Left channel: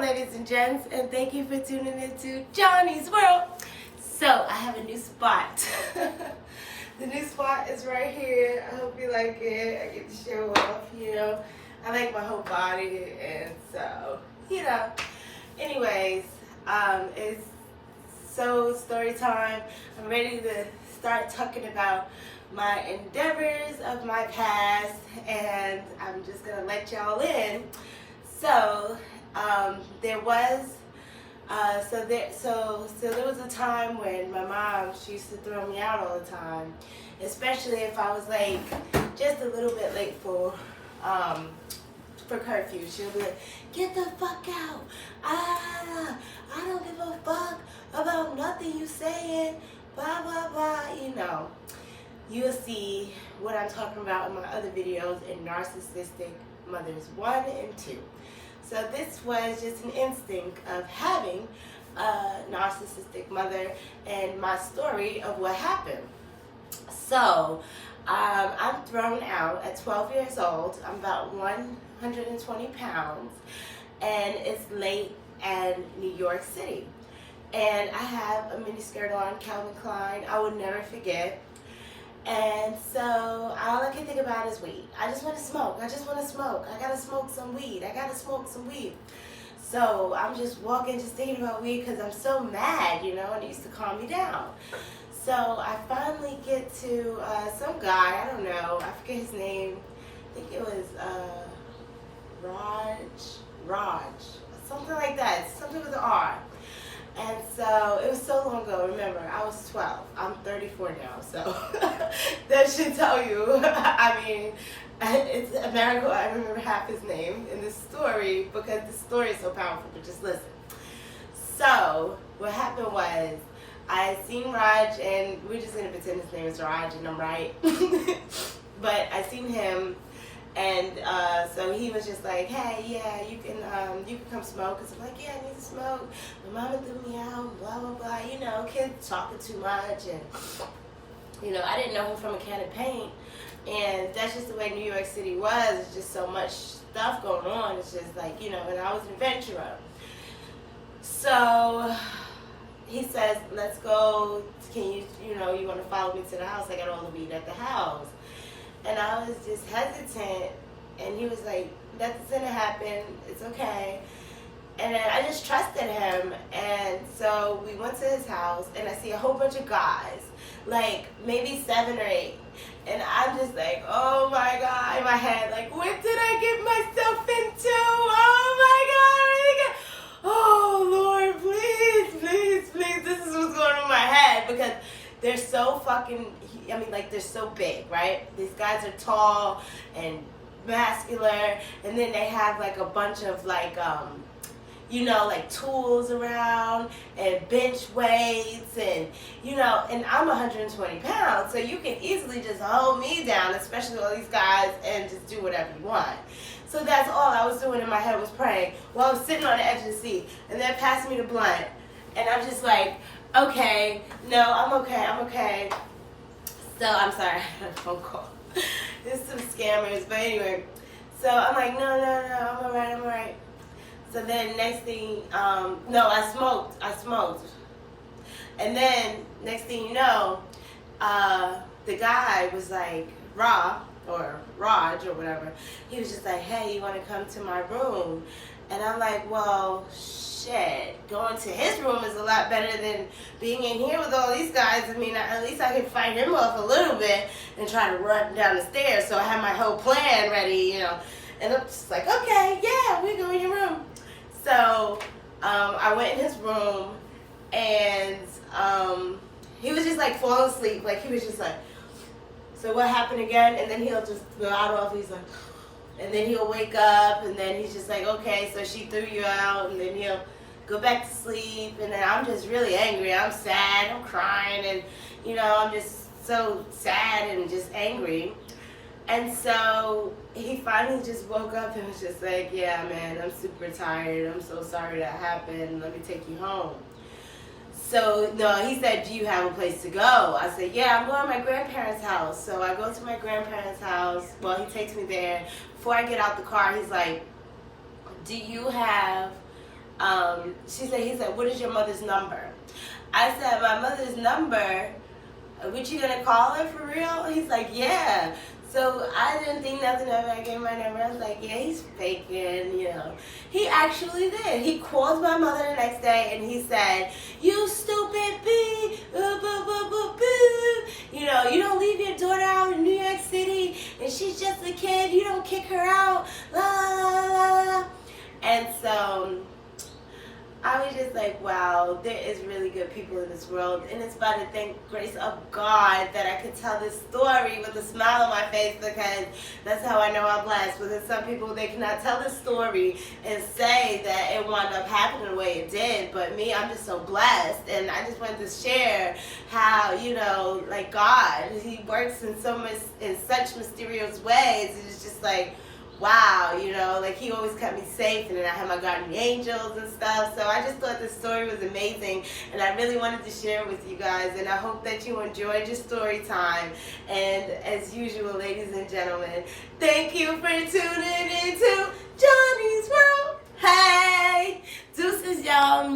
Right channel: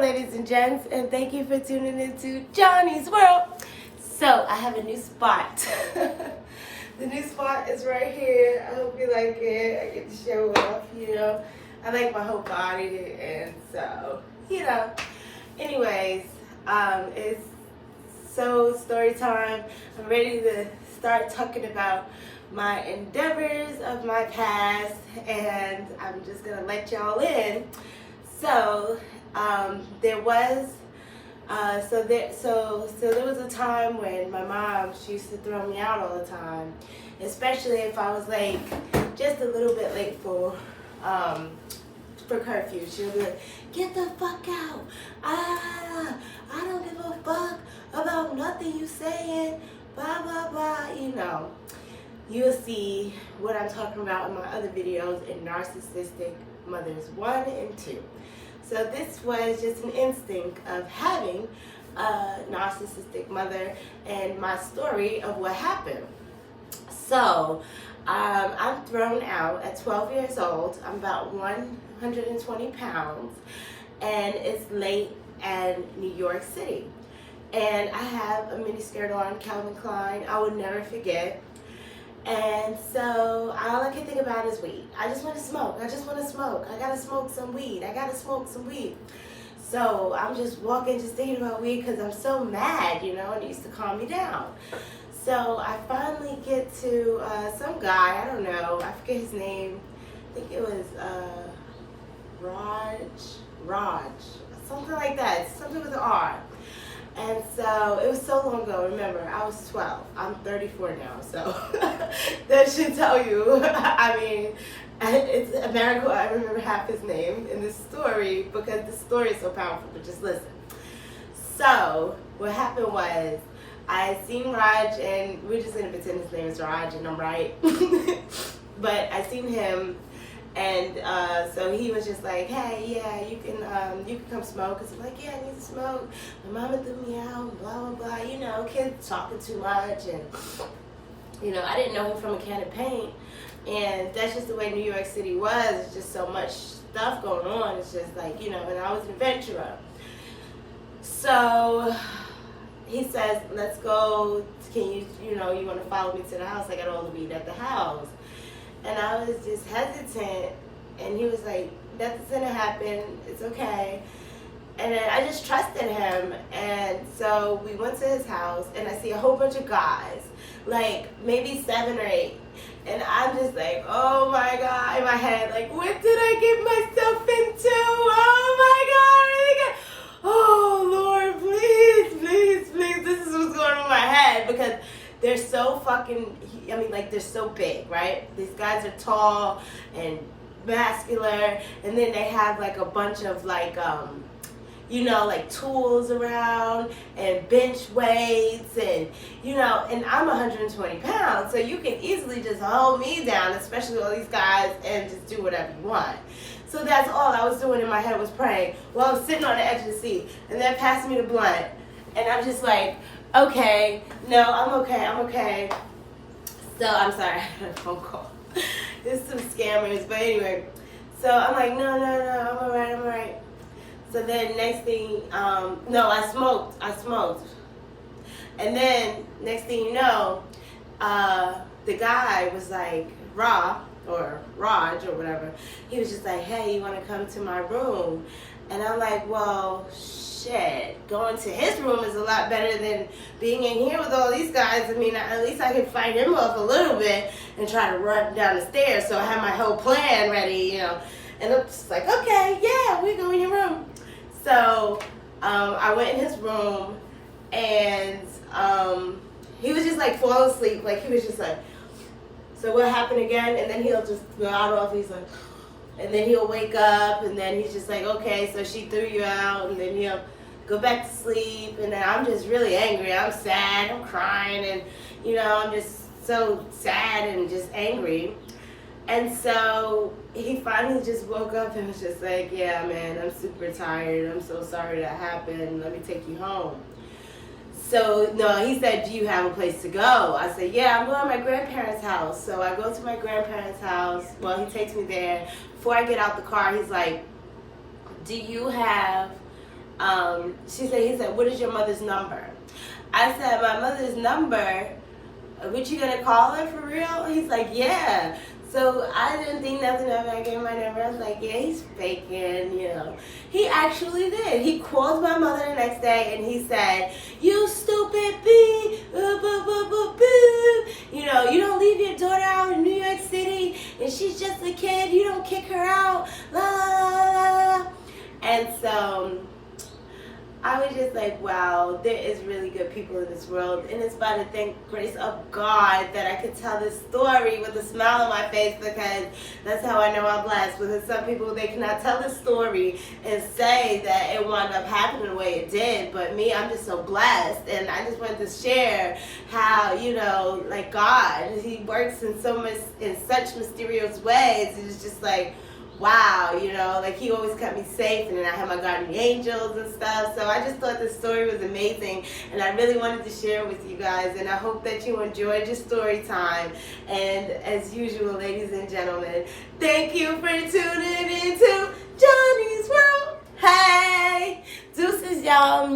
ladies and gents, and thank you for tuning into Johnny's World. So, I have a new spot. The new spot is right here. I hope you like it. I get to show off, I like my whole body, and so, Anyways, it's story time. I'm ready to start talking about my endeavors of my past, and I'm just gonna let y'all in. So there was a time when my mom, she used to throw me out all the time, especially if I was like just a little bit late for curfew. She would be like, "Get the fuck out! I don't give a fuck about nothing you saying, blah blah blah." You will see what I'm talking about in my other videos in Narcissistic Mothers 1 and 2. So this was just an instinct of having a narcissistic mother and my story of what happened. So I'm thrown out at 12 years old. I'm about 120 pounds, and it's late in New York City. And I have a mini skirt on, Calvin Klein, I will never forget. And so all I can think about is weed. I just want to smoke. I gotta smoke some weed. So I'm just walking, just thinking about weed because I'm so mad, and it used to calm me down. So I finally get to some guy, I don't know, I forget his name. I think it was Raj, something like that, something with an R. And so it was so long ago. Remember, I was 12. I'm 34 now, so that should tell you. I mean, it's a miracle I remember half his name in this story because the story is so powerful. But just listen. So what happened was I had seen Raj, and we're just gonna pretend his name is Raj, and I'm right. But I seen him. And so he was just like, "Hey, yeah, you can come smoke." Cause I'm like, "Yeah, I need to smoke. My mama threw me out, blah blah blah." Kids talking too much, and I didn't know him from a can of paint. And that's just the way New York City was. It's just so much stuff going on. It's just like, and I was an adventurer. So he says, "Let's go. Can you want to follow me to the house? I got all the weed at the house." And I was just hesitant, and he was like, "Nothing's gonna happen, it's okay." And then I just trusted him, and so we went to his house, and I see a whole bunch of guys, like maybe 7 or 8, and I'm just like, "Oh my God," in my head, like, "What did I get myself into? Oh my God, oh Lord, please, this is what's going on in my head," because they're so they're so big, right? These guys are tall and muscular, and then they have like a bunch of like tools around and bench weights, and and I'm 120 pounds, so you can easily just hold me down, especially all these guys, and just do whatever you want. So that's all I was doing in my head, was praying while I was sitting on the edge of the seat, and then passed me the blunt, and I'm just like, "Okay, no, I'm okay. So I'm sorry, I had a phone call. There's some scammers, but anyway. So I'm like, no, I'm all right. So then next thing, I smoked. And then next thing you know, the guy was like, Raj or whatever, he was just like, "Hey, you want to come to my room?" And I'm like, "Well, shit, going to his room is a lot better than being in here with all these guys. I mean, at least I can fight him off a little bit and try to run down the stairs." So I had my whole plan ready, and I'm just like, "Okay, yeah, we go in your room." So I went in his room, and he was just like falling asleep. Like, he was just like, "So what happened again?" And then he'll just go out off. He's like, and then he'll wake up, and then he's just like, "Okay, so she threw you out," and then he'll go back to sleep, and then I'm just really angry. I'm sad, I'm crying, and I'm just so sad and just angry. And so he finally just woke up and was just like, "Yeah, man, I'm super tired. I'm so sorry that happened. Let me take you home." So, no, he said, "Do you have a place to go?" I said, "Yeah, I'm going to my grandparents' house." So I go to my grandparents' house. Well, he takes me there. Before I get out the car, he's like, "Do you have he said, what is your mother's number? I said, my mother's number, what you gonna call her for real? He's like, yeah. So I didn't think nothing of it. I gave my number. I was like, yeah, he's faking, you know. He actually did. He called my mother the next day and he said, you stupid bee, you know, you don't leave your daughter out in New York City and she's just a kid. You don't kick her out, la la la la. And so I was just like, wow, there is really good people in this world. And it's by the grace of God that I could tell this story with a smile on my face, because that's how I know I'm blessed. Because some people, they cannot tell this story and say that it wound up happening the way it did. But me, I'm just so blessed. And I just wanted to share how, you know, like God, he works in such mysterious ways. It's just like, wow, you know, like he always kept me safe, and then I had my guardian angels and stuff. So I just thought this story was amazing, and I really wanted to share it with you guys, and I hope that you enjoyed your story time. And as usual, ladies and gentlemen, thank you for tuning into Johnny's World. Hey, deuces, y'all.